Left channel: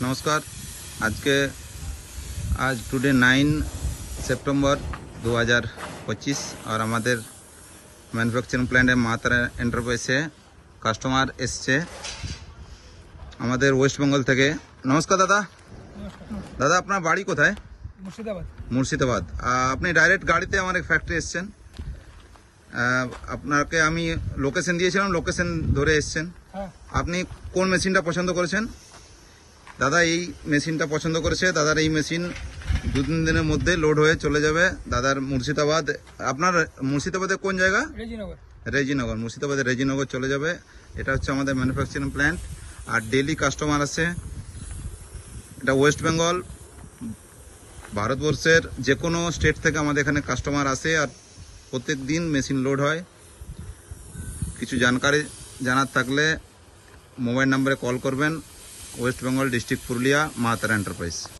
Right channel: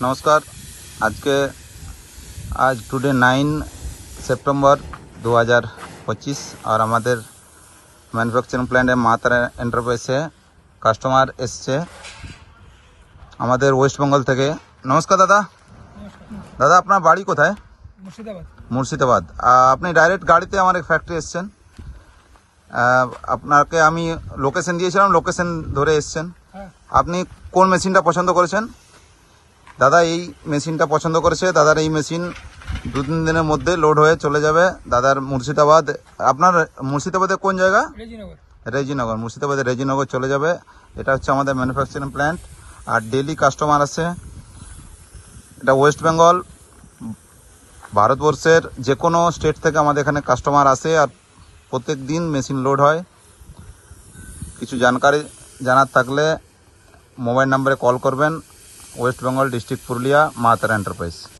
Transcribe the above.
नमस्कार। आज today 9 September 2025 और हमारे मैन्युफैक्चारिंग प्लांटे मा तारा एंटरप्राइजे कास्टमार एसছে আমাদের ওয়েস্ট বেঙ্গল থেকে। নমস্কার দাদা। দাদা আপনার বাড়ি কোথায়? মুর্শিদাবাদ। আপনি ডাইরেক্ট গাড়িতে আমার এক ফ্যাক্টরি এসছেন, আপনাকে আমি লোকেশন দিয়েছিলাম, লোকেশন ধরে এসছেন। আপনি কোন মেশিনটা পছন্দ করেছেন? দাদা এই মেশিনটা পছন্দ করেছে। দাদার এই মেশিন 2-3 দিনের মধ্যে লোড হয়ে চলে যাবে দাদার মুর্শিদাবাদ। আপনার মুর্শিদাবাদে কোন জায়গা? রেজিনগর। মুর্শিদাবাদের রেজিনগর চলে যাবে। এটা হচ্ছে আমাদের ম্যানুফ্যাকচারিং প্ল্যান্ট। আর ডেলি কাস্টমার আছে। এটা ওয়েস্ট বেঙ্গল, ভারতবর্ষের যে কোনো স্টেট থেকে আমাদের এখানে কাস্টমার আসে আর প্রত্যেক দিন মেশিন লোড হয়। কিছু জানকারি জানার থাকলে মোবাইল নাম্বারে কল করবেন। ওয়েস্ট বেঙ্গল ডিস্ট্রিক্ট পুরুলিয়া মা তারা এন্টারপ্রাইজ।